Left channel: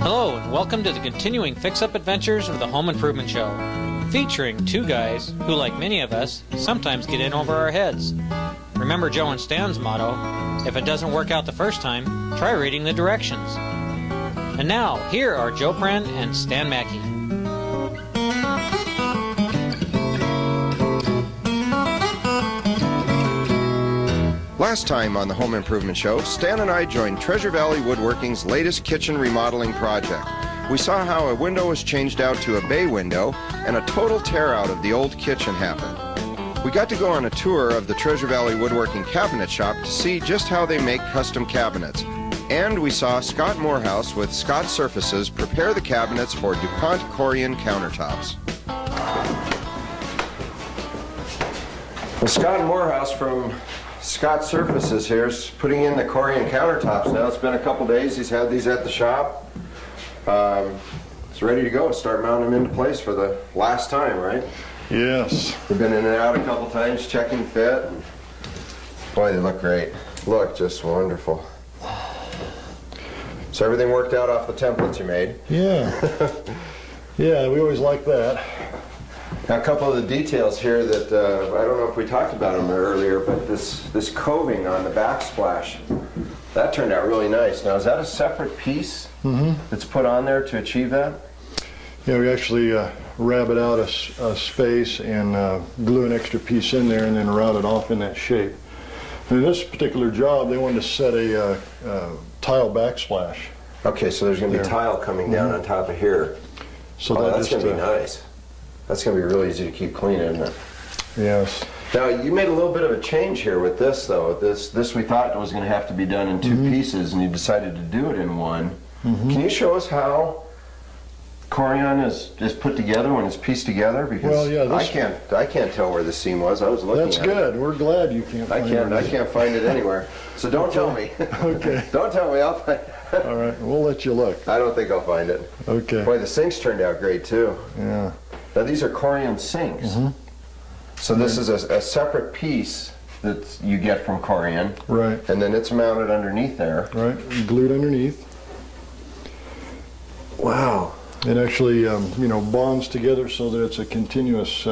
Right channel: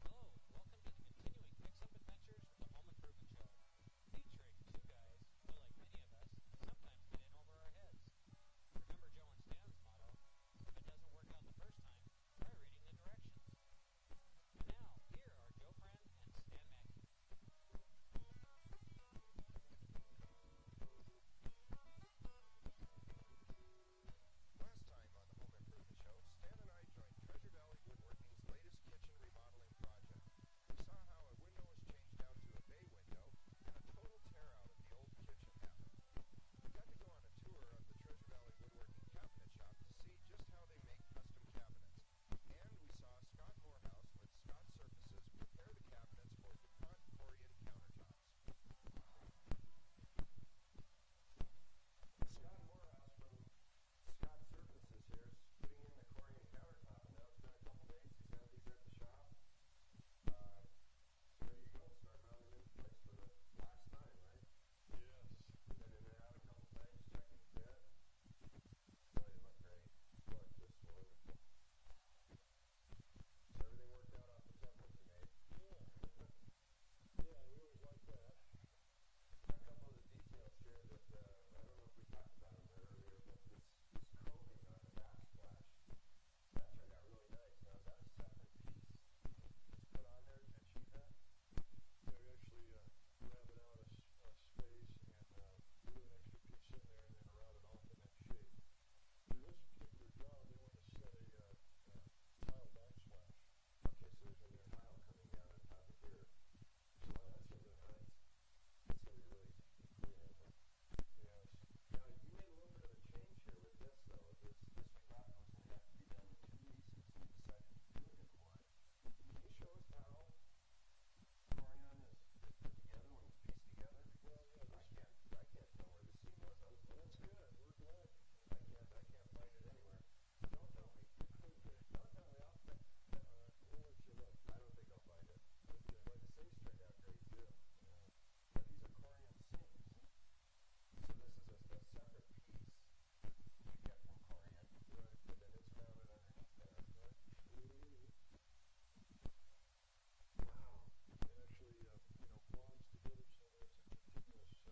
Hello, and welcome to the continuing fix-up adventures of the Home Improvement Show, featuring two guys who, like many of us, sometimes get in over our heads. Remember Joe and Stan's motto, if it doesn't work out the first time, try reading the directions. And now, here are Joe Pren and Stan Mackey. Last time on the Home Improvement Show, Stan and I joined Treasure Valley Woodworking's latest kitchen remodeling project. We saw how a window was changed out to a bay window and a total tear out of the old kitchen happened. We got to go on a tour of the Treasure Valley Woodworking cabinet shop to see just how they make custom cabinets. And we saw Scott Morehouse with Scott Surfaces prepare the cabinets for DuPont Corian Countertops. Well, Scott Morehouse from Scott Surfaces here is putting in the Corian countertops now. It's been a couple days. He's had these at the shop. It's ready to go. Start mounting them into place for the last time, right? Yes. We've been in and out a couple times, checking fit. Boy, they look great. Look just wonderful. So everything worked out off the templates you made? Yeah. Yeah, we always like that. Now, a couple of the details here that, I don't know if we talked about them earlier, but this coving on the backsplash, that turned out really nice. Now, is that a separate piece that's put on there to achieve that? Yeah, we actually rabbit out a space and glue an extra piece in there and then route it off in that shape. And in this particular job, they wanted to set a tile backsplash. Okay, so there's going to be tile coming down on top of here. So that's going to be nice. That's going to be really easy to keep clean, isn't it? Yes. Now, you made a little bit of a change here with this, though. This we thought was going to have to be done in two pieces, and you decided to do it in one. Can you show us how Corian is put together when it's pieced together? Because I can't tell where the seam was. I was looking at it. That's good. We're glad you can't find it. I can't find it anywhere. So don't tell me. Okay. Don't tell me. I'll find it. All right. We'll let you look. I don't think I'll find it. Okay. Boy, the sinks turned out great, too. Yeah. Now, these are Corian sinks. So this is a separate piece that you get from Corian. Right. And then it's mounted underneath there. Right. Glued underneath. Wow. It actually, bonds together so that it's a continuous,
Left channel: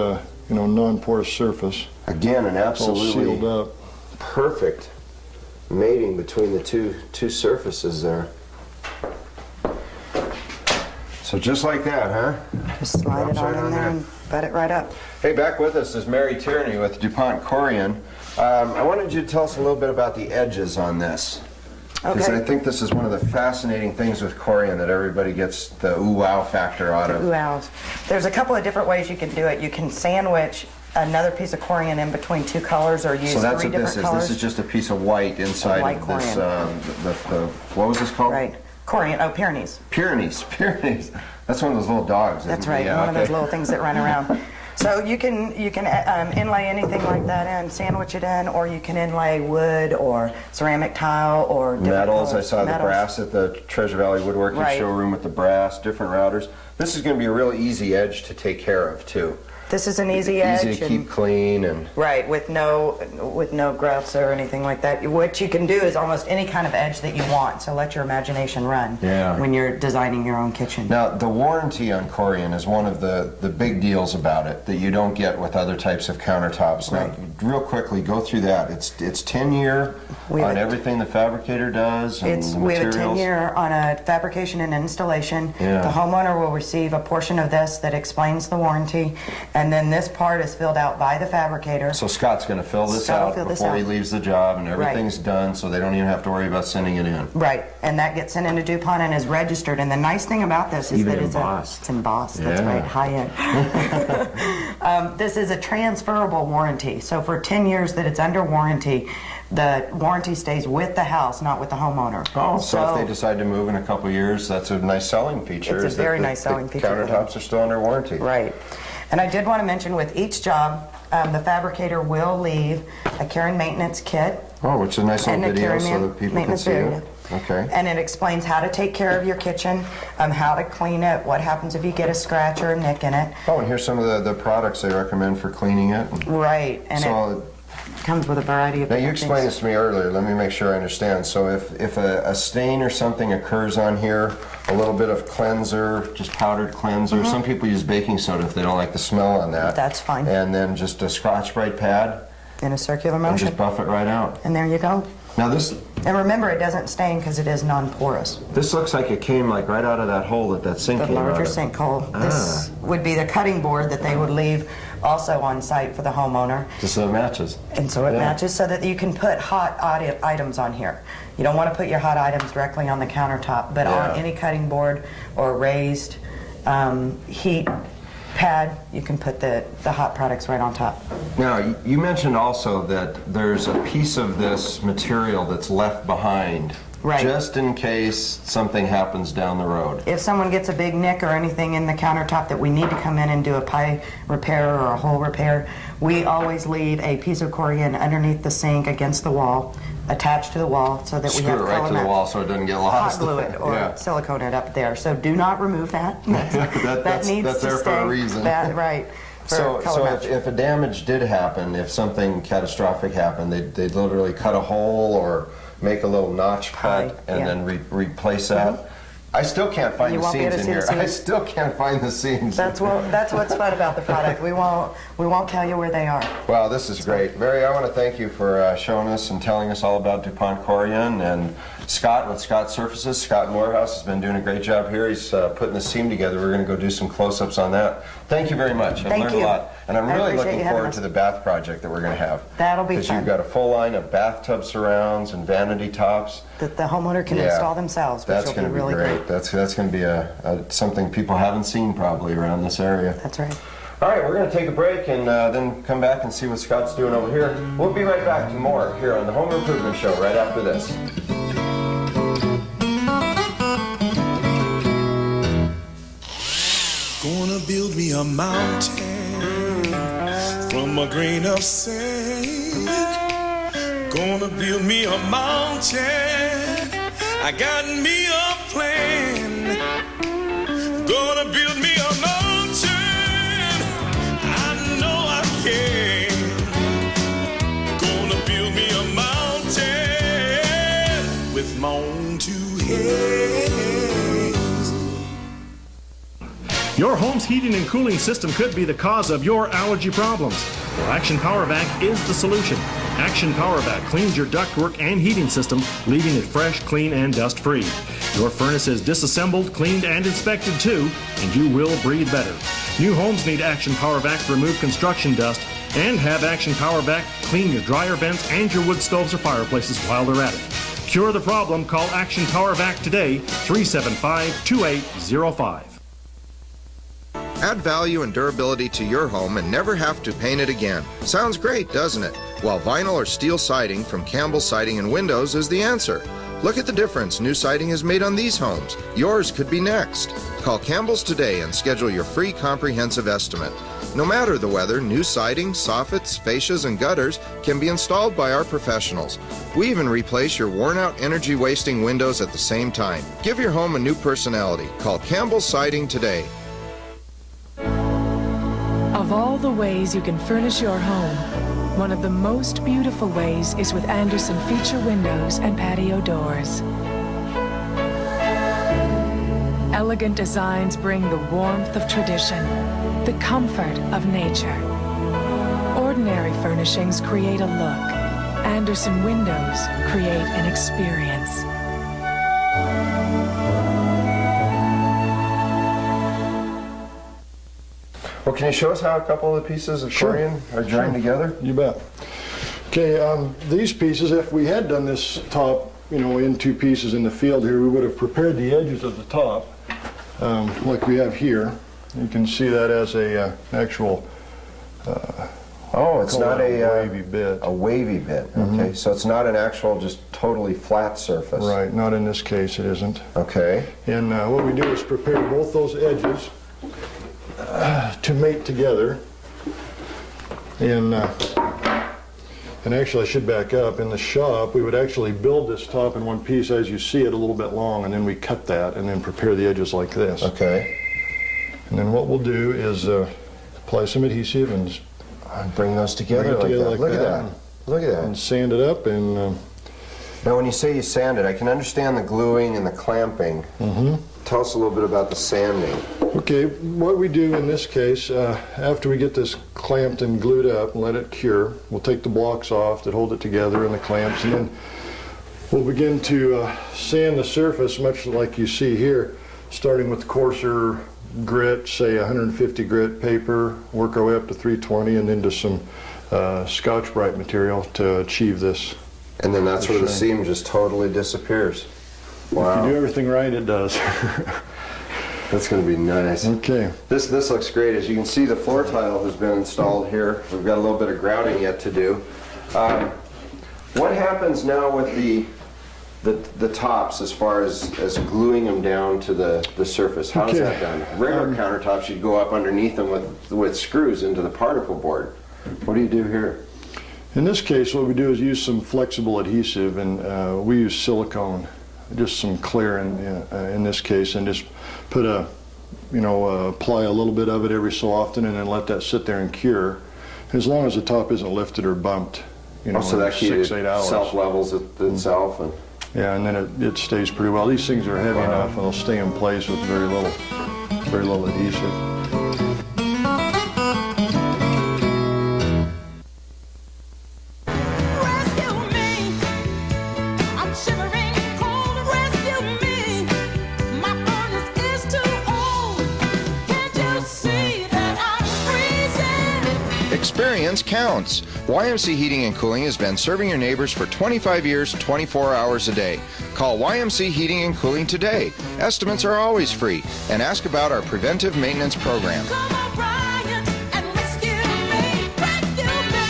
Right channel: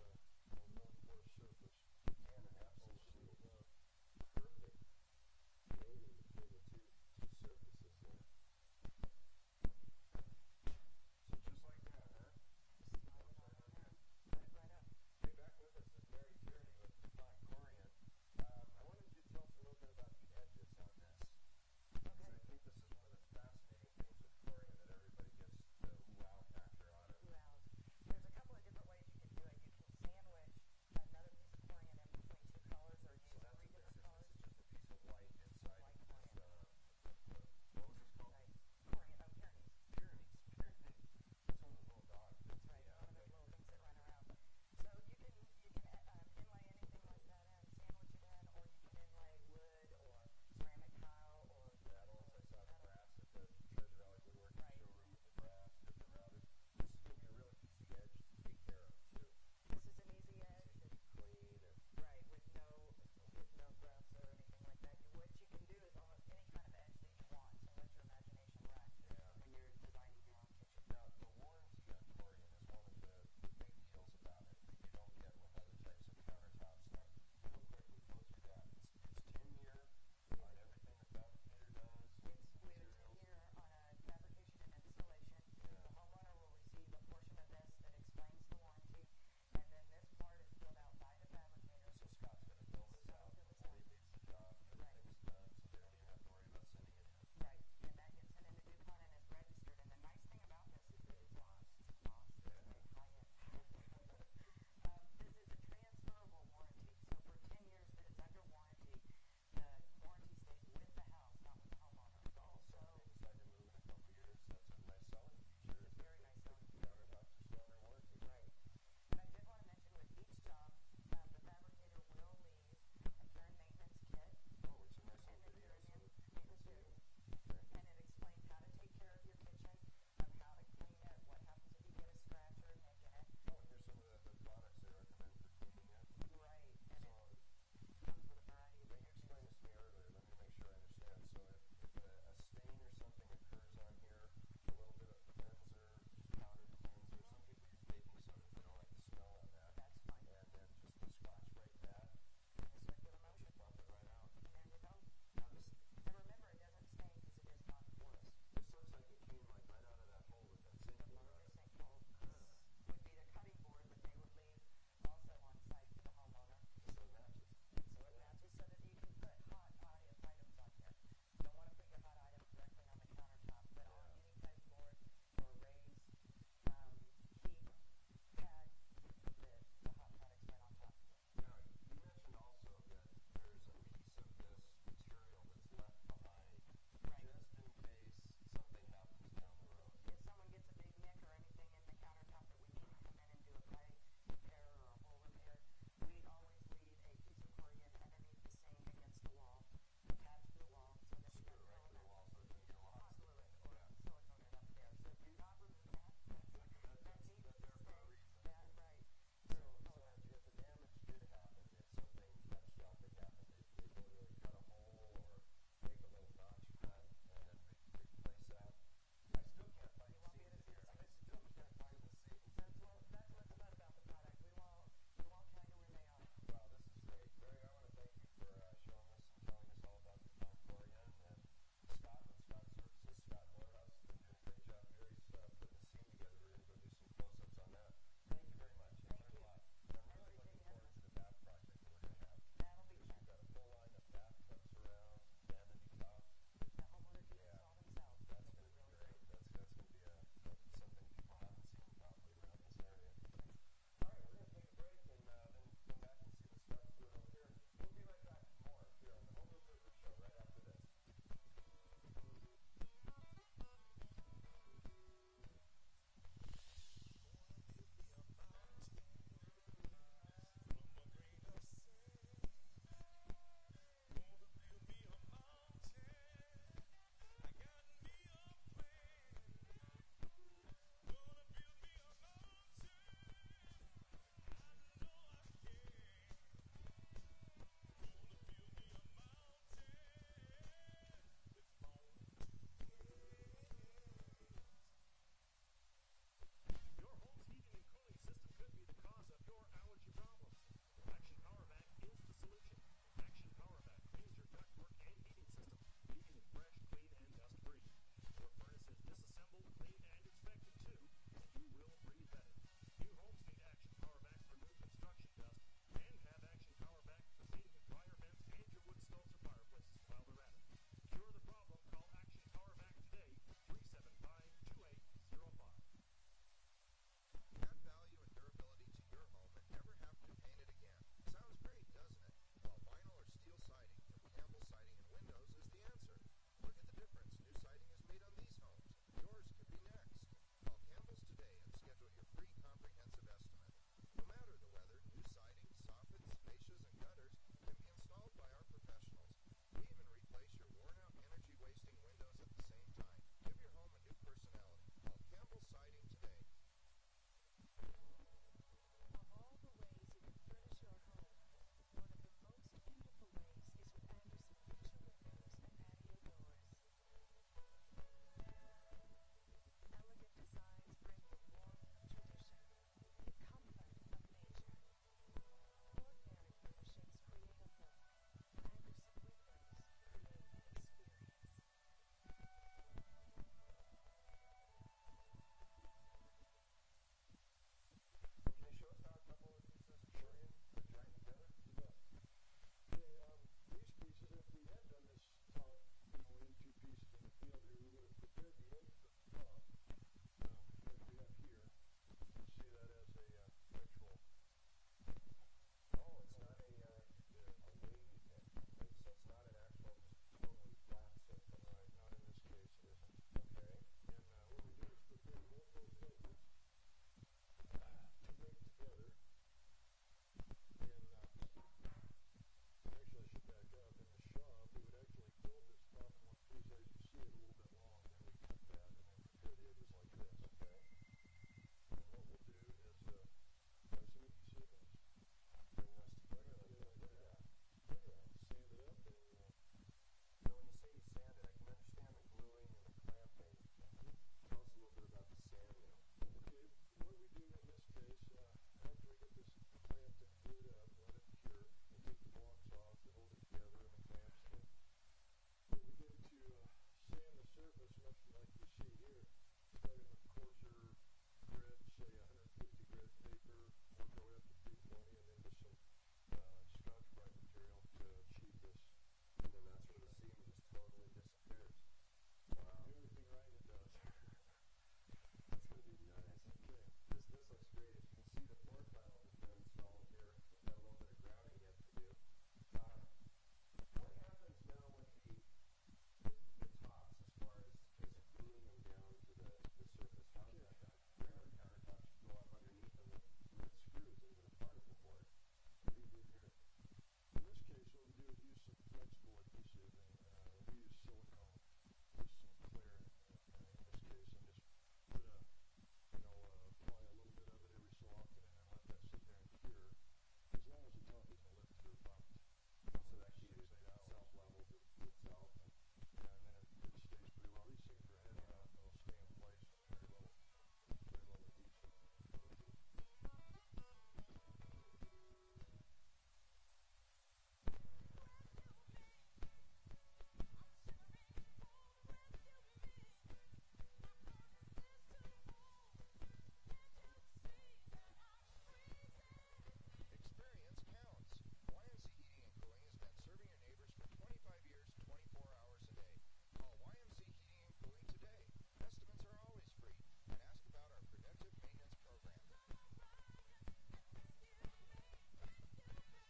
non-porous surface. Again, an It's all absolutely sealed up. perfect mating between the two surfaces there. So just like that, huh? Just slide it on in there and butt it right up. Hey, back with us is Mary Tierney with DuPont Corian. I wanted you to tell us a little bit about the edges on this. Because I think this is one of the fascinating things with Corian that everybody gets the ooh-wow factor out of. Ooh-wows. There's a couple of different ways you can do it. You can sandwich another piece of Corian in between two colors or use So that's three what different this is. colors. This is just a piece of white inside White of this, Corian. what was this called? Right. Corian, Pyrenees. Pyrenees. That's one of those little dogs. That's right, one of those little things that run around. So you can inlay anything like that in, sandwich it in, or you can inlay wood or ceramic tile or different metals. colors. I saw the brass at the Treasure Valley Woodworking showroom with the brass, different routers. This is going to be a real easy edge to take care of too. This is an easy edge. Easy to keep clean and right, with no growths or anything like that. What you can do is almost any kind of edge that you want. So let your imagination run when you're designing your own kitchen. Now, the warranty on Corian is one of the big deals about it that you don't get with other types of countertops. Now, real quickly, go through that. It's 10-year on everything the fabricator does and the we have a materials. 10-year on a fabrication and installation. The homeowner will receive a portion of this that explains the warranty, and then this part is filled out by the fabricator. So Scott's going to fill this out before he leaves the job, and everything's done, so they don't even have to worry about sending it in. Right, and that gets sent into DuPont and is registered. And the nice thing about this is that it's embossed. That's right, high end. This is a transferable warranty. So for 10 years that it's under warranty, the warranty stays with the house, not with the homeowner. Oh, so if they decide to move in a couple years, that's a nice selling feature. It's a very nice selling feature. Countertops are still under warranty. Right. And I did want to mention with each job, the fabricator will leave a care and maintenance kit. Oh, which is a nice little video so that people can see it. Okay. And it explains how to take care of your kitchen, how to clean it, what happens if you get a scratch or a nick in it. Oh, and here's some of the products they recommend for cleaning it. Right. And so comes with a variety of Now, you different explained things. this to me earlier. Let me make sure I understand. So if a stain or something occurs on here, a little bit of cleanser, just powdered cleanser. Some people use baking soda if they don't like the smell on that. That's fine. And then just a Scotch-Brite pad In a circular and motion. just buff it right out. And there you go. Now this And remember, it doesn't stain because it is non-porous. looks like it came like right out of that hole that sink The came out larger of. sinkhole. This would be the cutting board that they would leave also on site for the homeowner. Just so it matches. And so it Yeah. matches so that you can put hot items on here. You don't want to put your hot items directly on the countertop, but Yeah. on any cutting board or raised heat pad, you can put the hot products right on top. Now, you mentioned also that there's a piece of this material that's left behind. Right. Just in case something happens down the road. If someone gets a big nick or anything in the countertop that we need to come in and do a pie repair or a hole repair, we always leave a piece of Corian underneath the sink against the wall, attached to the wall, so that we Screw have it right color to the match. wall so it doesn't get Hot lost. glue it or Yeah. silicone it up there. So do not remove that. That's needs there to for stay. a reason. Right. For So color match. if a damage did happen, if something catastrophic happened, they'd literally cut a hole or make a little notch Pie, cut and yeah. then replace that. I still can't find You the won't be able seams to in see the here. I seams? still can't find the seams. That's what's fun about the product. We won't tell you where they are. Wow, this is great. Mary, I want to thank you for showing us and telling us all about DuPont Corian, and Scott with Scott Surfaces. Scott Morehouse has been doing a great job here. He's putting this seam together. We're going to go do some close-ups on that. Thank you very much. I've Thank learned you. a lot. And I'm I really appreciate looking you having forward us. to the bath project that we're going to have. That'll be Because fun. you've got a full line of bathtub surrounds and vanity tops. That the homeowner can Yeah. install themselves, which That's will be going to be really great. That's going to be something people haven't seen probably around this area. That's right. All right, we're going to take a break and then come back and see what Scott's doing over here. We'll be right back to more here on the Home Improvement Show right after this. Gonna build me a mountain from a grain of sand. Gonna build me a mountain. I got me a plan. Gonna build me a mountain. I know I can. Gonna build me a mountain with my own two hands. Your home's heating and cooling system could be the cause of your allergy problems. Well, Action Power Vac is the solution. Action Power Vac cleans your ductwork and heating system, leaving it fresh, clean, and dust-free. Your furnace is disassembled, cleaned, and inspected too, and you will breathe better. New homes need Action Power Vac to remove construction dust, and have Action Power Vac clean your dryer vents and your wood stoves or fireplaces while they're at it. Cure the problem. Call Action Power Vac today, 375-2805. Add value and durability to your home and never have to paint it again. Sounds great, doesn't it? While vinyl or steel siding from Campbell Siding and Windows is the answer. Look at the difference new siding has made on these homes. Yours could be next. Call Campbell's today and schedule your free comprehensive estimate. No matter the weather, new siding, soffits, fascias, and gutters can be installed by our professionals. We even replace your worn-out, energy-wasting windows at the same time. Give your home a new personality. Call Campbell's Siding today. Of all the ways you can furnish your home, one of the most beautiful ways is with Anderson feature windows and patio doors. Elegant designs bring the warmth of tradition, the comfort of nature. Ordinary furnishings create a look. Anderson windows create an experience. Well, can you show us how a couple of the pieces of Sure. Corian are joined together? You bet. Okay, these pieces, if we had done this top, in two pieces in the field here, we would have prepared the edges of the top, like we have here. You can see that as a actual Oh, it's call not it a wavy bit. A wavy bit. Okay, so it's not an actual just totally flat surface. Right, not in this case, it isn't. Okay. And what we do is prepare both those edges to mate together. And actually, I should back up. In the shop, we would actually build this top in one piece as you see it, a little bit long, and then we cut that and then prepare the edges like this. Okay. And then what we'll do is apply some adhesive and Bring those together bring it like together that. like Look that. at that. Look at and that. sand it up. And Now, when you say you sand it, I can understand the gluing and the clamping. Tell us a little bit about the sanding. okay, what we do in this case, after we get this clamped and glued up and let it cure, we'll take the blocks off that hold it together and the clamps, and then we'll begin to sand the surface, much like you see here, starting with coarser grit, say 150 grit paper, work our way up to 320, and then to some Scotch-Brite material to achieve this. And then that's where the shrink. seam just totally disappears. If you do everything right, it does. That's going to be nice. Okay. This looks great. As you can see, the floor tile has been installed here. We've got a little bit of grouting yet to do. What happens now with the tops as far as gluing them down to the surface? How's Okay. that done? Regular countertops, you'd go up underneath them with screws into the particle board. What do you do here? In this case, what we do is use some flexible adhesive, and we use silicone, just some clear in this case, and just put apply a little bit of it every so often, and then let that sit there and cure, as long as the top isn't lifted or bumped. So that in 6-8 hours. self-levels itself. And Yeah, and then it stays pretty well. These things are heavy enough, and they'll stay in place with very little adhesive. Rescue me. I'm shivering cold. Rescue me. My furnace is too old. Can't you see that I'm freezing? Experience counts. YMC Heating and Cooling has been serving your neighbors for 25 years, 24 hours a day. Call YMC Heating and Cooling today. Estimates are always free. And ask about our preventive maintenance program. Come on, Brian, and rescue me. Rescue me.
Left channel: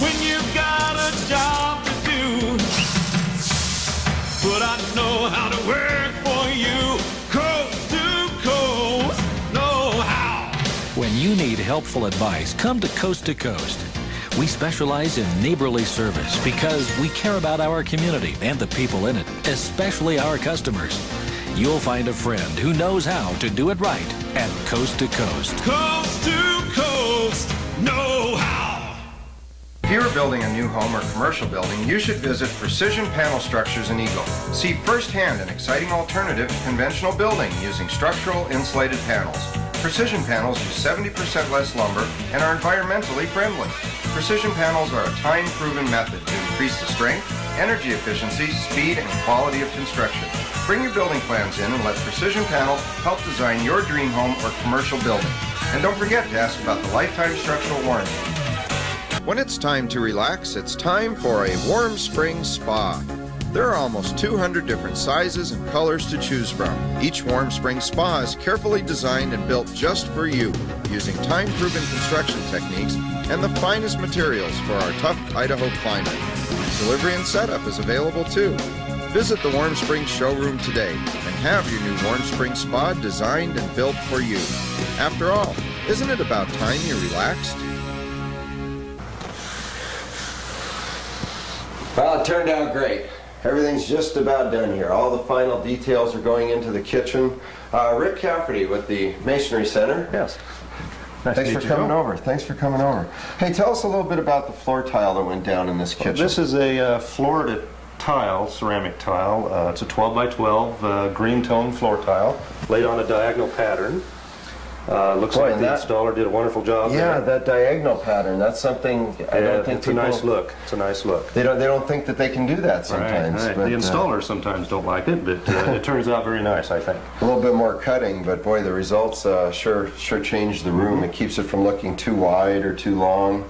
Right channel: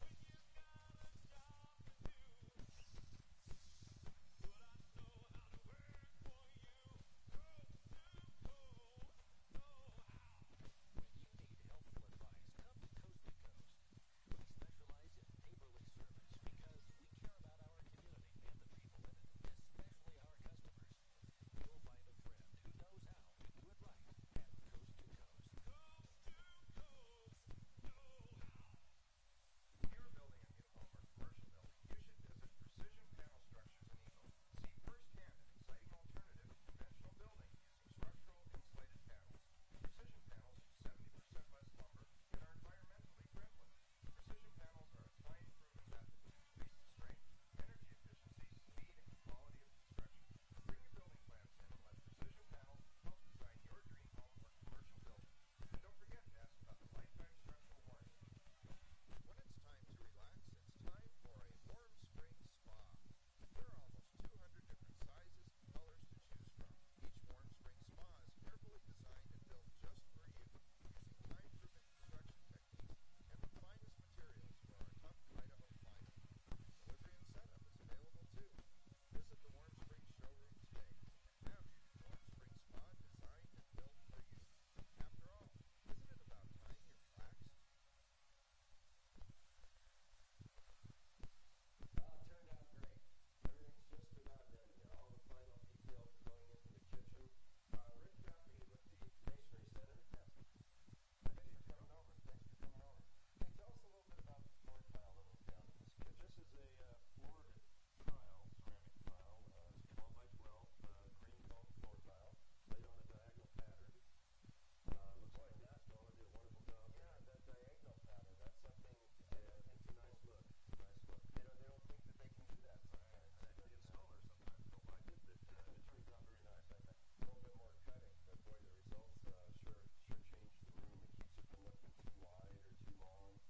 When you've got a job to do, but I know how to work for you, coast to coast, know how. When you need helpful advice, come to Coast. We specialize in neighborly service because we care about our community and the people in it, especially our customers. You'll find a friend who knows how to do it right at Coast. Coast to coast, know how. If you are building a new home or commercial building, you should visit Precision Panel Structures in Eagle. See firsthand an exciting alternative to conventional building using structural insulated panels. Precision panels use 70% less lumber and are environmentally friendly. Precision panels are a time-proven method to increase the strength, energy efficiency, speed, and quality of construction. Bring your building plans in and let Precision Panel help design your dream home or commercial building. And don't forget to ask about the lifetime structural warranty. When it's time to relax, it's time for a Warm Spring Spa. There are almost 200 different sizes and colors to choose from. Each Warm Spring Spa is carefully designed and built just for you, using time-proven construction techniques and the finest materials for our tough Idaho climate. Delivery and setup is available too. Visit the Warm Spring showroom today and have your new Warm Spring Spa designed and built for you. After all, isn't it about time you relaxed? Well, it turned out great. Everything's just about done here. All the final details are going into the kitchen. Rick Cafferty with the Masonry Center. Yes. Nice Thanks to for meet you, coming Joe. over. Thanks for coming over. Hey, tell us a little bit about the floor tile that went down in this kitchen. This is a Florida tile, ceramic tile. It's a 12 by 12 green tone floor tile laid on a diagonal pattern. Looks Boy, like and the that- installer did a wonderful job Yeah, there. that diagonal pattern. That's something I don't think it's a nice look. It's a nice look. They don't think that they can do that sometimes. Right. But, The installers sometimes don't like it, but it turns out very nice, I think. a little bit more cutting, but boy, the results sure change the room. It keeps it from looking too wide or too long.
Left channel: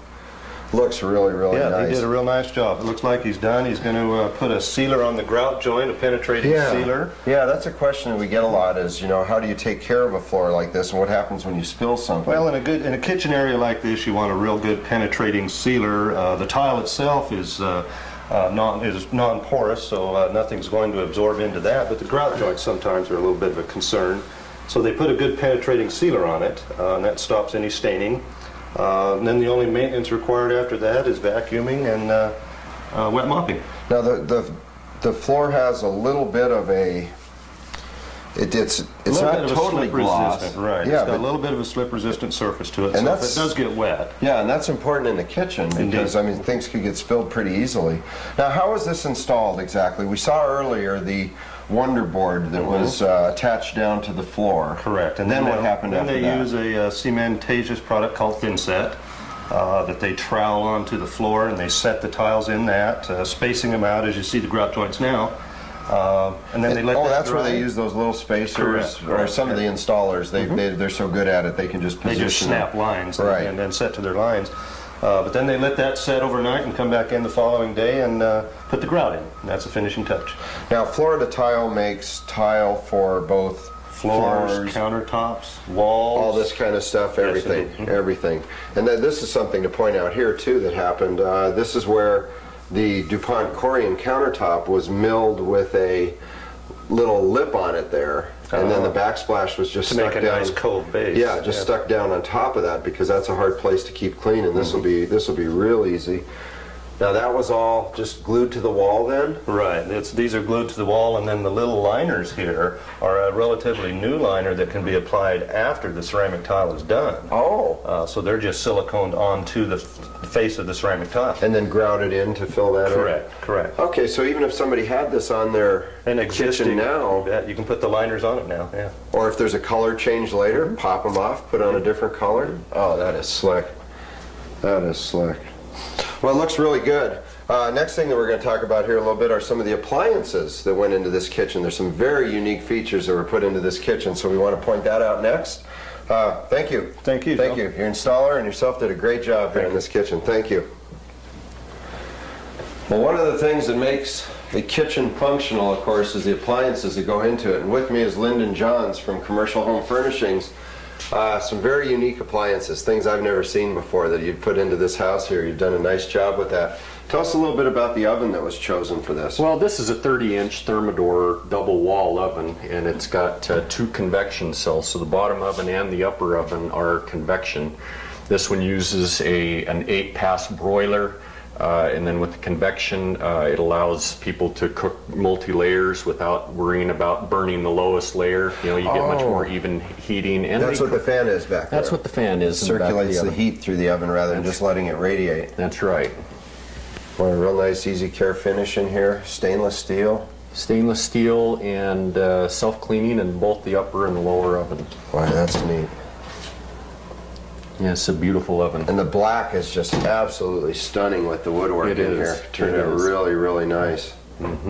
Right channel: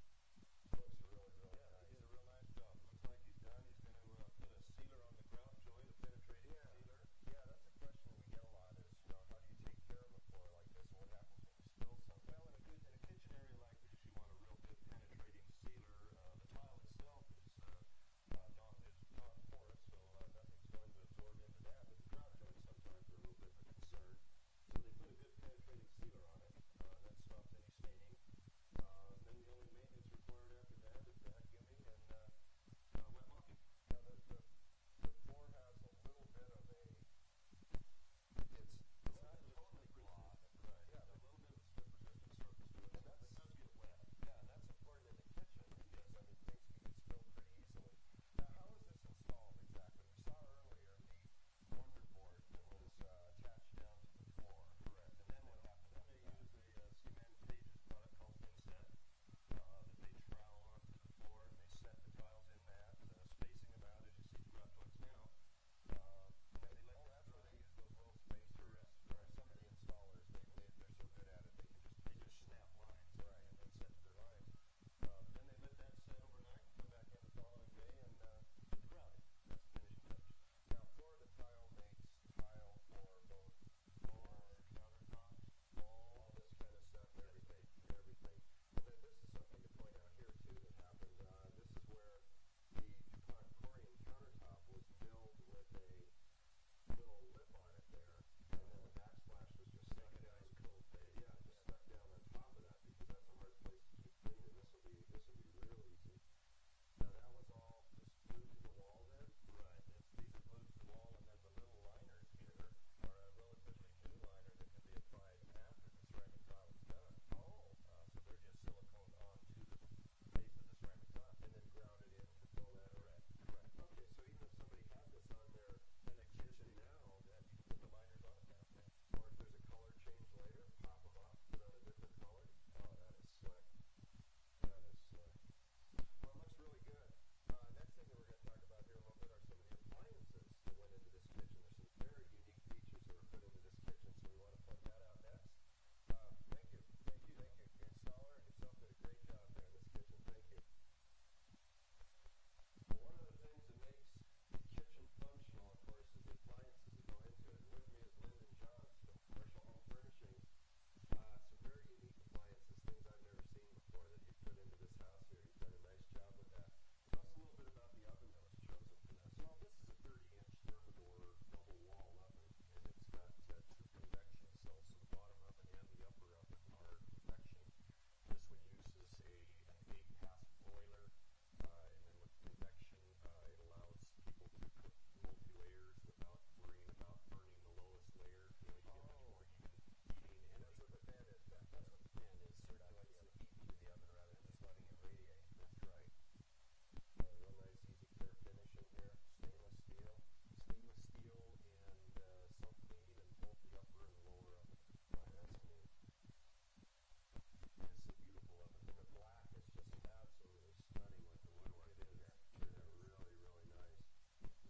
Looks really Yeah, nice. he did a real nice job. It looks like he's done. He's going to put a sealer on the grout joint, a penetrating sealer. Yeah, that's a question that we get a lot is, how do you take care of a floor like this and what happens when you spill something? Well, in a kitchen area like this, you want a real good penetrating sealer. The tile itself is non-porous, so nothing's going to absorb into that. But the grout joints sometimes are a little bit of a concern. So they put a good penetrating sealer on it, and that stops any staining. And then the only maintenance required after that is vacuuming and wet mopping. Now the floor has a little bit of a It's A little not bit of a totally slip gloss. resistant, right. Yeah, It's got but- a little bit of a slip resistant surface to it, And so if that's- it does get wet. Yeah, and that's important in the kitchen because, I mean, things could get spilled pretty easily. Now, how is this installed exactly? We saw earlier the Wonder Board that was attached down to the floor. Correct. And then what happened after that? Then they use a cementatious product called Thinset that they trowel onto the floor, and they set the tiles in that, spacing them out as you see the grout joints now. And then they let that that's where dry. they use those little spacers, Correct, or correct, some of the installers. They're so good at it, they can just They position just snap them. lines Right. and then set to their lines. But then they let that set overnight and come back in the following day and put the grout in. And that's the finishing touch. Now, Florida Tile makes tile for both Floors, countertops, walls. all this kind of stuff, everything, indeed. everything. And then this is something to point out here too that happened. This is where the DuPont Corian countertop was milled with a little lip on it there, and then the backsplash was just To stuck make a down. nice cove base. Yeah, just stuck down on top of that because that's a hard place to keep clean, and this will be real easy. Now that was all just glued to the wall then? Right. These are glued to the wall, and then the little liners here are a relatively new liner that can be applied after the ceramic tile is done. Oh. So they're just siliconed onto the face of the ceramic tile. And then grouted in to fill that in? Correct. Okay, so even if somebody had this on their kitchen now, you can put the liners on it now, yeah. or if there's a color change later, pop them off, put on a different color. Oh, that is slick. That is slick. Well, it looks really good. Next thing that we're going to talk about here a little bit are some of the appliances that went into this kitchen. There's some very unique features that were put into this kitchen, so we want to point that out next. Thank you. Thank you, Thank Joe. you. Your installer and yourself did a great job here in this kitchen. Thank you. Well, one of the things that makes a kitchen functional, of course, is the appliances that go into it. And with me is Lyndon Johns from Commercial Home Furnishings. Some very unique appliances, things I've never seen before that you've put into this house here. You've done a nice job with that. Tell us a little bit about the oven that was chosen for this. Well, this is a 30-inch Thermador double wall oven, and it's got two convection cells. So the bottom oven and the upper oven are convection. This one uses an 8-pass broiler. And then with the convection, it allows people to cook multi-layers without worrying about burning the lowest layer. You know, you get much more even heating. And That's what the fan is back there. That's what the fan is. It circulates the heat through the oven rather than just letting it radiate. That's right. Well, a real nice easy care finish in here. Stainless steel. Stainless steel and self-cleaning in both the upper and the lower oven. Wow, that's neat. Yeah, it's a beautiful oven. And the black is just absolutely stunning with the woodwork It in is. here. Turned out really, really nice.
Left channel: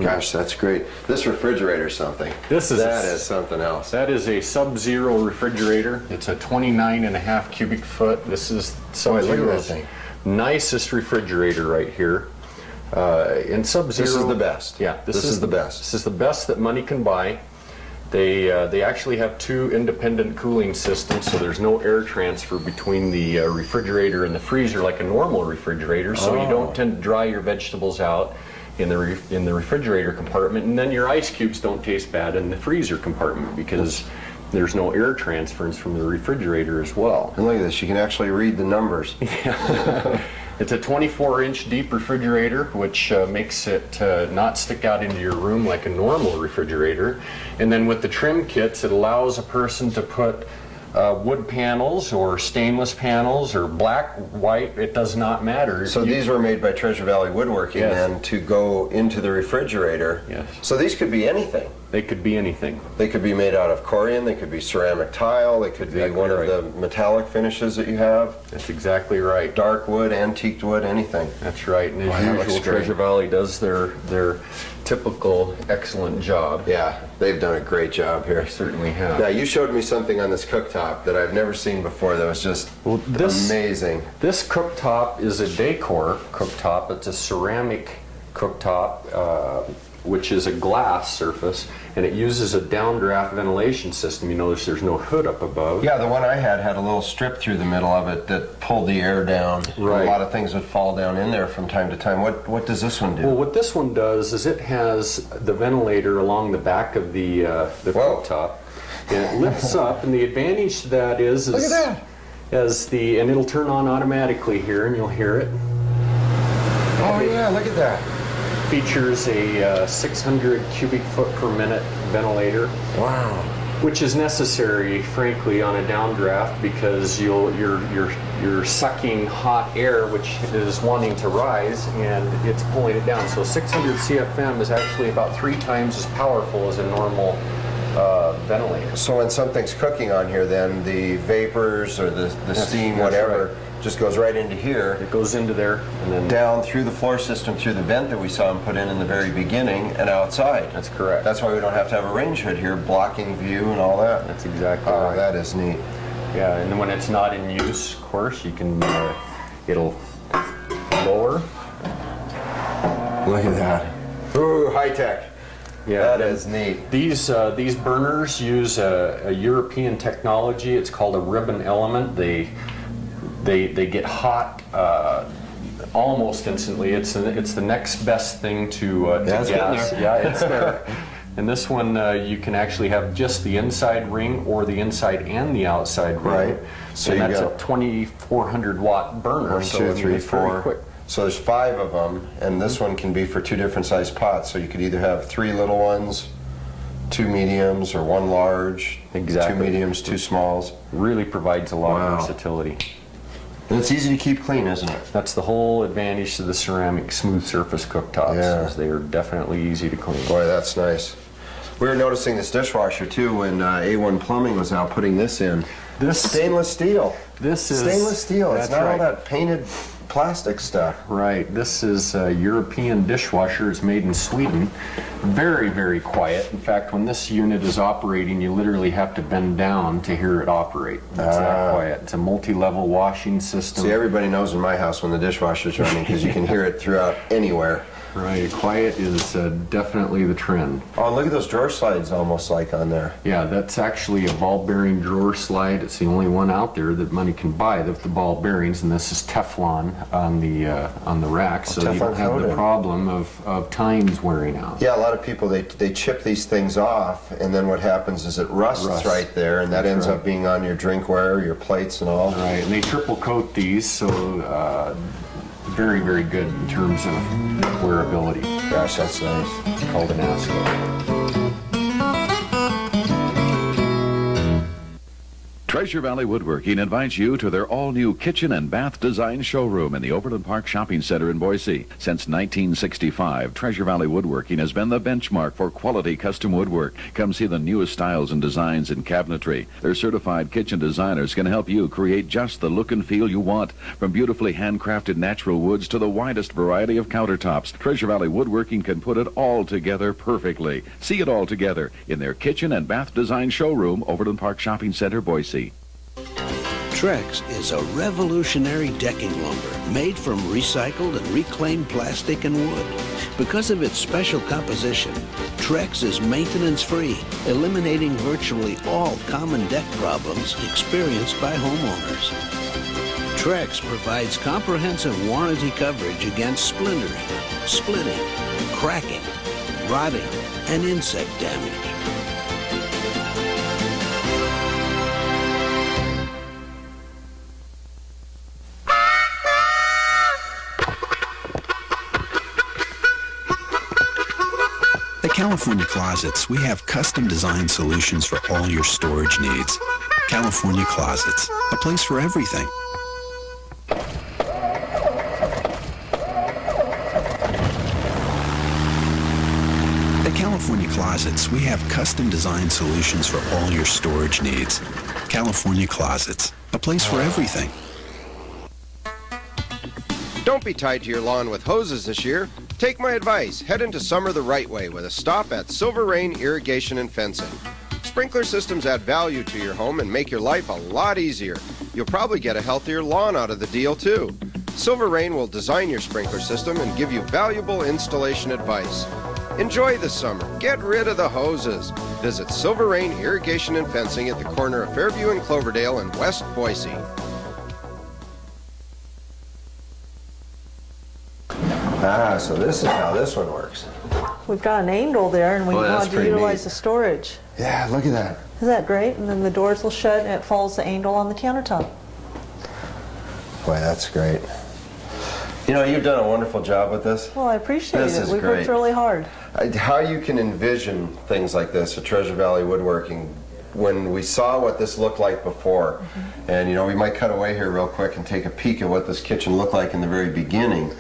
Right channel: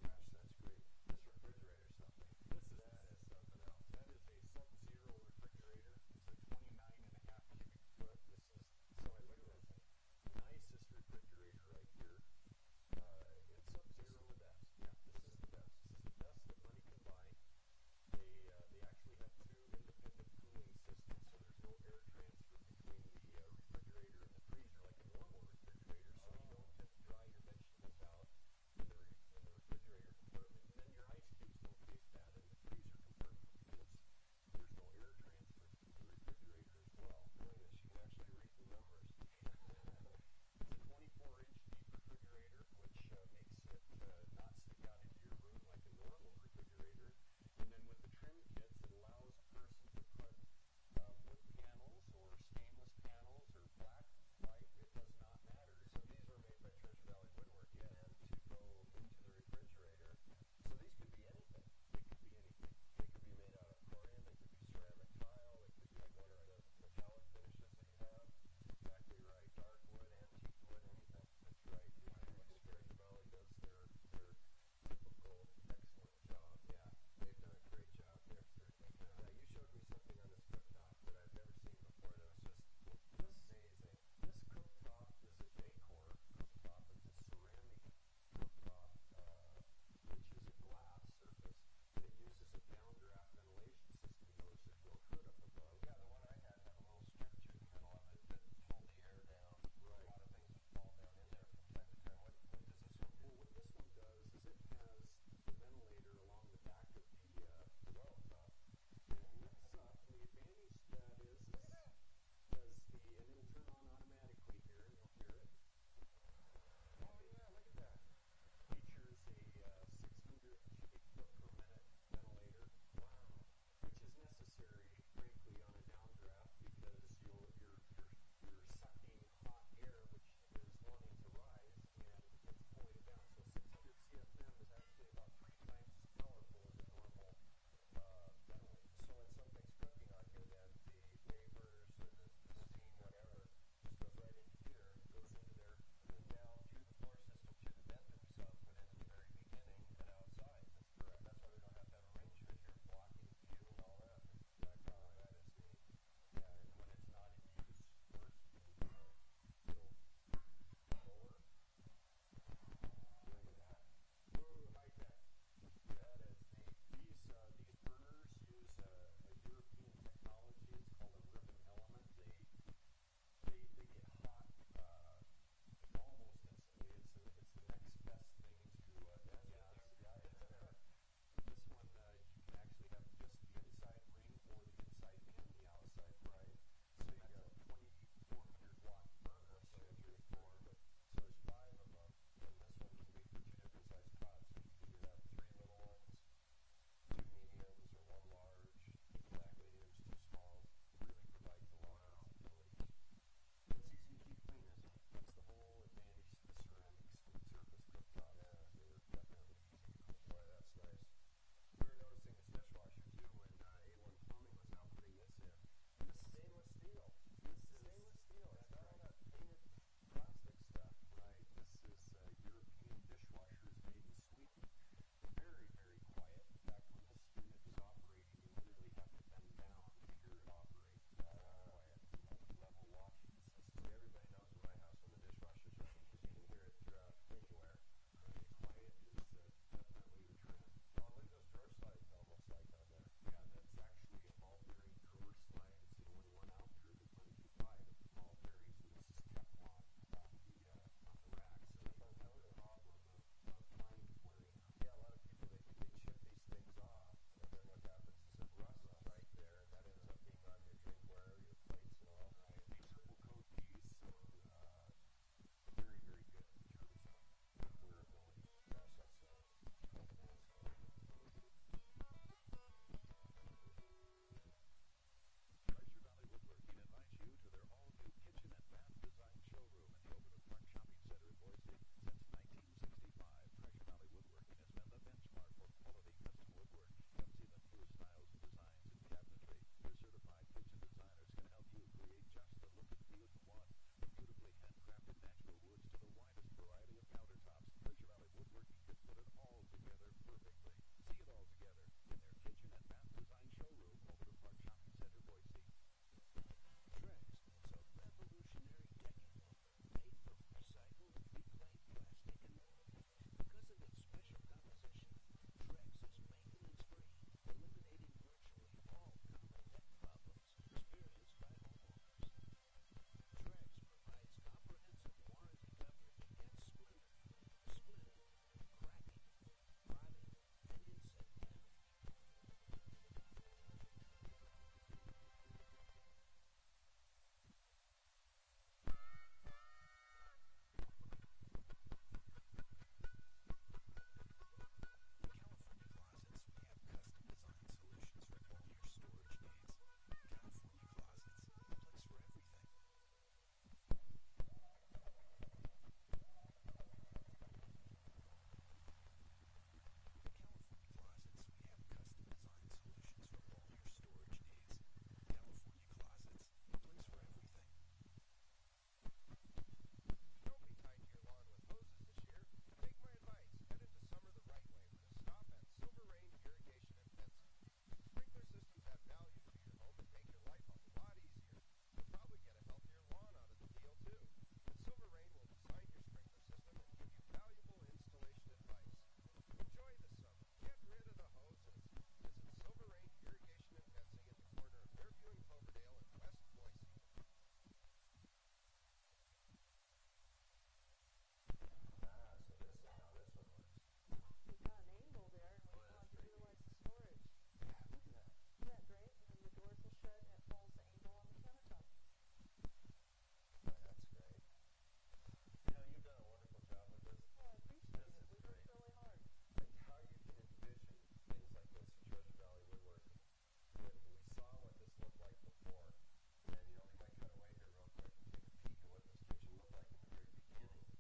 Gosh, that's great. This refrigerator's something. That is something else. That is a Sub-Zero refrigerator. It's a 29.5 cubic foot. This is Boy, look at that Sub-Zero's thing. nicest refrigerator right here. In Sub-Zero, This is the best. Yeah, This is the best. This is the best that money can buy. They actually have two independent cooling systems, so there's no air transfer between the refrigerator and the freezer like a normal refrigerator. So you don't tend to dry your vegetables out in the refrigerator compartment, and then your ice cubes don't taste bad in the freezer compartment because there's no air transference from the refrigerator as well. And look at this, you can actually read the numbers. It's a 24-inch deep refrigerator, which makes it not stick out into your room like a normal refrigerator. And then with the trim kits, it allows a person to put wood panels or stainless panels or black, white, it does not matter. So these were made by Treasure Valley Woodworking then to go into the refrigerator. Yes. So these could be anything. They could be anything. They could be made out of Corian, they could be ceramic tile, they could be Exactly one right. of the metallic finishes that you have. That's exactly right. Dark wood, antiqued wood, anything. That's right. And Wow, as that looks usual, great. Treasure Valley does their typical excellent job. Yeah, they've done a great job here. They certainly have. Now, you showed me something on this cooktop that I've never seen before that was just amazing. This cooktop is a decor cooktop. It's a ceramic cooktop, which is a glass surface, and it uses a downdraft ventilation system. You notice there's no hood up above. Yeah, the one I had a little strip through the middle of it that pulled the air down. Right. A lot of things would fall down in there from time to time. What does this one do? Well, what this one does is it has the ventilator along the back of the cooktop, and it lifts up. And the advantage to that is Look at that. and it'll turn on automatically here, and you'll hear it. Oh yeah, look at that. Features a 600 cubic foot per minute ventilator. Wow. which is necessary, frankly, on a downdraft because you're sucking hot air, which is wanting to rise, and it's pulling it down. So 600 CFM is actually about 3 times as powerful as a normal ventilator. So when something's cooking on here, then the vapors or the steam, whatever, just goes right into here. It goes into there and then down through the floor system, through the vent that we saw him put in the very beginning, and outside. That's correct. That's why we don't have to have a range hood here blocking view and all that. That's exactly right. That is neat. Yeah, and then when it's not in use, of course, you can, it'll lower. Look at that. Ooh, high tech. Yeah, that is neat. These burners use a European technology. It's called a ribbon element. They get hot almost instantly. It's the next best thing to gas. Yeah, it's there. And this one, you can actually have just the inside ring or the inside and the outside ring. Right. So and you that's got a 2,400 watt burner. 1, 2, 3, 4. So there's 5 of them, and this one can be for 2 different size pots. So you could either have 3 little ones, 2 mediums, or 1 large. Exactly. 2 mediums, 2 smalls. Really provides a lot of versatility. And it's easy to keep clean, isn't it? That's the whole advantage to the ceramic smooth surface cooktops. Is they are definitely easy to clean. Boy, that's nice. We were noticing this dishwasher too when A1 Plumbing was out putting this in. This stainless steel. This is stainless steel. It's that's not right. all that painted plastic stuff. Right. This is a European dishwasher. It's made in Sweden. Very, very quiet. In fact, when this unit is operating, you literally have to bend down to hear it operate. It's that quiet. It's a multi-level washing system. See, everybody knows in my house when the dishwasher's running because you can hear it throughout anywhere. Right. Quiet is definitely the trend. Oh, and look at those drawer slides almost like on there. Yeah, that's actually a ball bearing drawer slide. It's the only one out there that money can buy with the ball bearings, and this is Teflon on the rack, so you don't have the problem of tines wearing out. Yeah, a lot of people, they chip these things off, and then what happens is it rusts right there, and that ends up being on your drinkware, your plates and all. Right, and they triple coat these, so very, very good in terms of wearability. Gosh, that's nice. It's called an ASCO. Treasure Valley Woodworking invites you to their all-new kitchen and bath design showroom in the Overland Park Shopping Center in Boise. Since 1965, Treasure Valley Woodworking has been the benchmark for quality custom woodwork. Come see the newest styles and designs in cabinetry. Their certified kitchen designers can help you create just the look and feel you want. From beautifully handcrafted natural woods to the widest variety of countertops, Treasure Valley Woodworking can put it all together perfectly. See it all together in their kitchen and bath design showroom, Overland Park Shopping Center, Boise. Trex is a revolutionary decking lumber made from recycled and reclaimed plastic and wood. Because of its special composition, Trex is maintenance-free, eliminating virtually all common deck problems experienced by homeowners. Trex provides comprehensive warranty coverage against splintering, splitting, cracking, rotting, and insect damage. At California Closets, we have custom design solutions for all your storage needs. California Closets, a place for everything. At California Closets, we have custom design solutions for all your storage needs. California Closets, a place for everything. Don't be tied to your lawn with hoses this year. Take my advice. Head into summer the right way with a stop at Silver Rain Irrigation and Fencing. Sprinkler systems add value to your home and make your life a lot easier. You'll probably get a healthier lawn out of the deal, too. Silver Rain will design your sprinkler system and give you valuable installation advice. Enjoy the summer. Get rid of the hoses. Visit Silver Rain Irrigation and Fencing at the corner of Fairview and Cloverdale in West Boise. Ah, so this is how this one works. We've got an angle there, and we want to utilize the storage. Yeah, look at that. Isn't that great? And then the doors will shut, and it follows the angle on the countertop. Boy, that's great. You know, you've done a wonderful job with this. Well, I appreciate This it. is We've great. worked really hard. How you can envision things like this at Treasure Valley Woodworking when we saw what this looked like before, and you know, we might cut away here real quick and take a peek at what this kitchen looked like in the very beginning,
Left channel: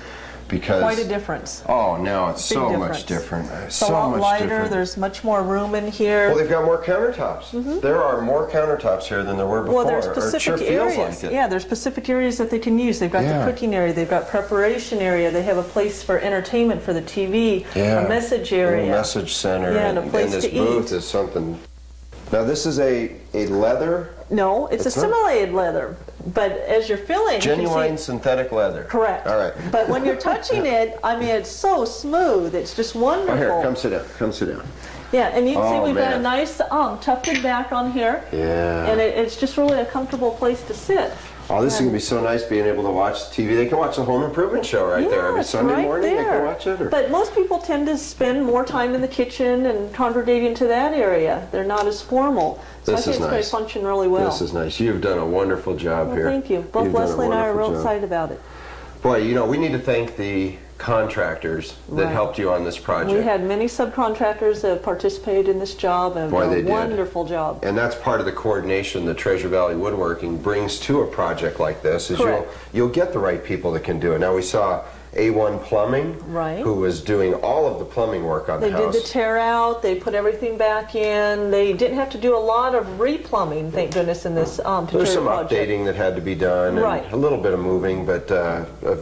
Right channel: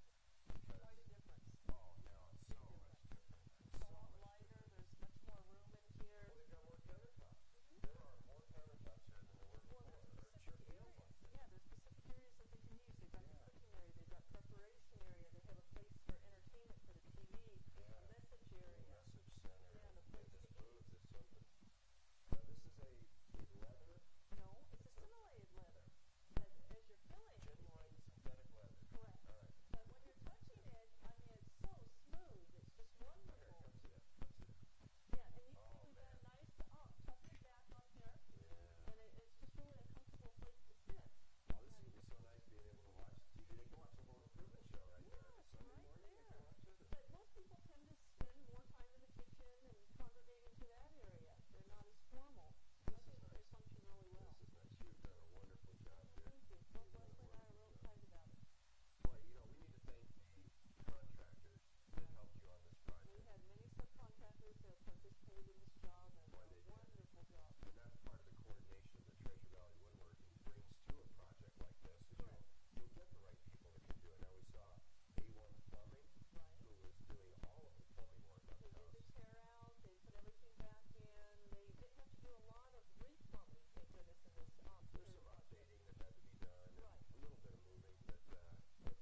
because Quite a difference. oh, now it's Big so difference. much different. It's So a lot much lighter. different. There's much more room in here. Well, they've got more countertops. There are more countertops here than there were before. Well, there's or it specific sure feels areas. like it. Yeah, there's specific areas that they can use. They've got Yeah. the cooking area, they've got preparation area, they have a place for entertainment for the TV, Yeah. a message A area. little message center. Yeah, and a place this to booth eat. is something. Now this is a leather, No, it's a It's not? simulated leather, but as you're filling, you can genuine see. synthetic leather. Correct. All right. But when you're touching it, I mean, it's so smooth. It's just wonderful. Oh, here, come sit down. Come sit down. Yeah, and you can see Oh, we've got a man. nice tufted back on here. Yeah. And it's just really a comfortable place to sit. Oh, this is going to be so nice being able to watch TV. They can watch the Home Improvement Show right there every it's Sunday right morning. They there. can watch it. Or... But most people tend to spend more time in the kitchen and congregate into that area. They're not as formal. So This I think is it's going nice. to function really well. This is nice. You've done a wonderful job Well, here. thank you. Both You've done a Leslie and I are wonderful real job. excited about it. Boy, you know, we need to thank the contractors that Right. helped you on this project. We had many subcontractors that have participated in this job and Boy, done they a did. wonderful job. And that's part of the coordination that Treasure Valley Woodworking brings to a project like this, is Correct. you'll get the right people that can do it. Now we saw A1 Plumbing, Right. who was doing all of the plumbing work on They the did house. the tear out, they put everything back in. They didn't have to do a lot of replumbing, thank goodness, in this There's particular some project. updating that had to be done, Right. and a little bit of moving, but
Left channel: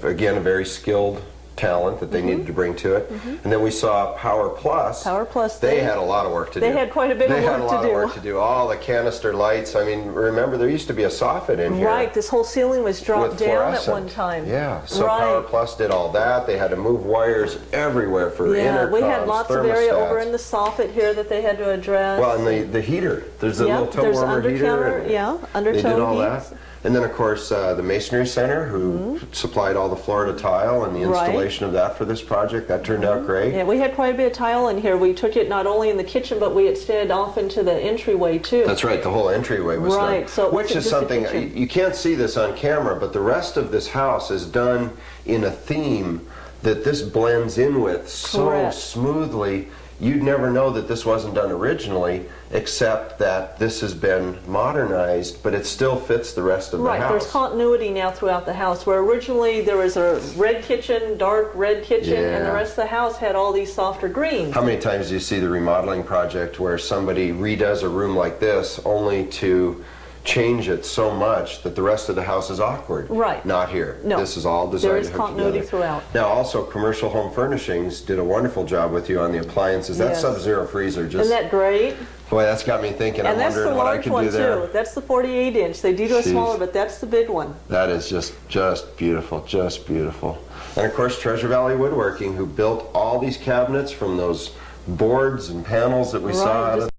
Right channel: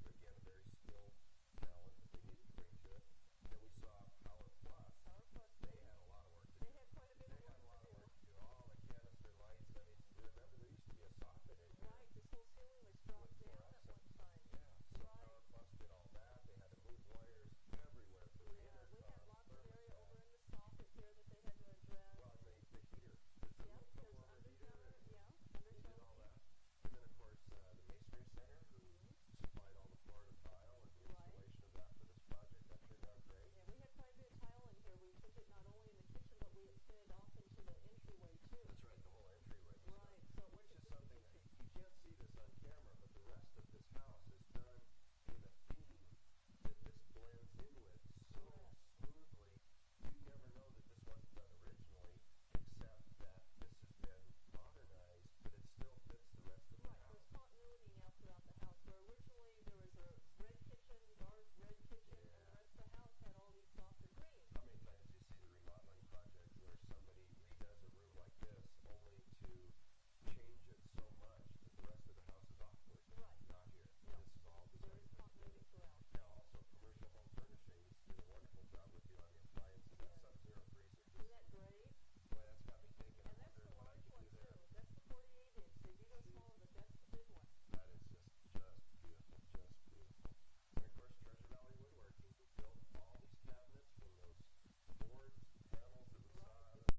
again, a very skilled talent that they Mm-hmm. needed to bring to it. And then we saw Power Plus. Power Plus, They had a lot of work to do. they had quite a bit of They had work a to lot do. of work to do. All the canister lights. I mean, remember there used to be a soffit in here. Right, this whole ceiling was dropped with down at fluorescent. one time. Yeah, so right. Power Plus did all that. They had to move wires everywhere for Yeah, intercoms, we had lots of area over thermostats. in the soffit here that they had to address. Well, and the heater. There's a Yep, little toe there's warmer under heater. counter- and yeah, under They did toe all heats. that. And then, of course, the Masonry Center, who supplied all the Florida tile and the Right. installation of that for this project. That turned out great. Yeah, we had quite a bit of tile in here. We took it not only in the kitchen, but we extended off into the entryway too. That's right, the whole entryway was done. Right, so it which wasn't is just a something, kitchen. you can't see this on camera, but the rest of this house is done in a theme that this blends in with so Correct. smoothly. You'd never know that this wasn't done originally, except that this has been modernized, but it still fits the rest of the Right, there's house. continuity now throughout the house, where originally there was a red kitchen, dark red kitchen, and the Yeah. rest of the house had all these softer greens. How many times do you see the remodeling project where somebody redoes a room like this only to change it so much that the rest of the house is awkward? Right. Not here. No. This is all designed There is to hook continuity together. throughout. Now also Commercial Home Furnishings did a wonderful job with you on the appliances. That Yes. Sub-Zero freezer just, Isn't that great? boy, that's got me thinking. I'm And that's the wondering what I large could one do there. too. That's the 48 inch. They do do a Jeez. smaller, but that's the big one. That is just beautiful, just beautiful. And of course Treasure Valley Woodworking, who built all these cabinets from those boards and panels that we saw out Right, of just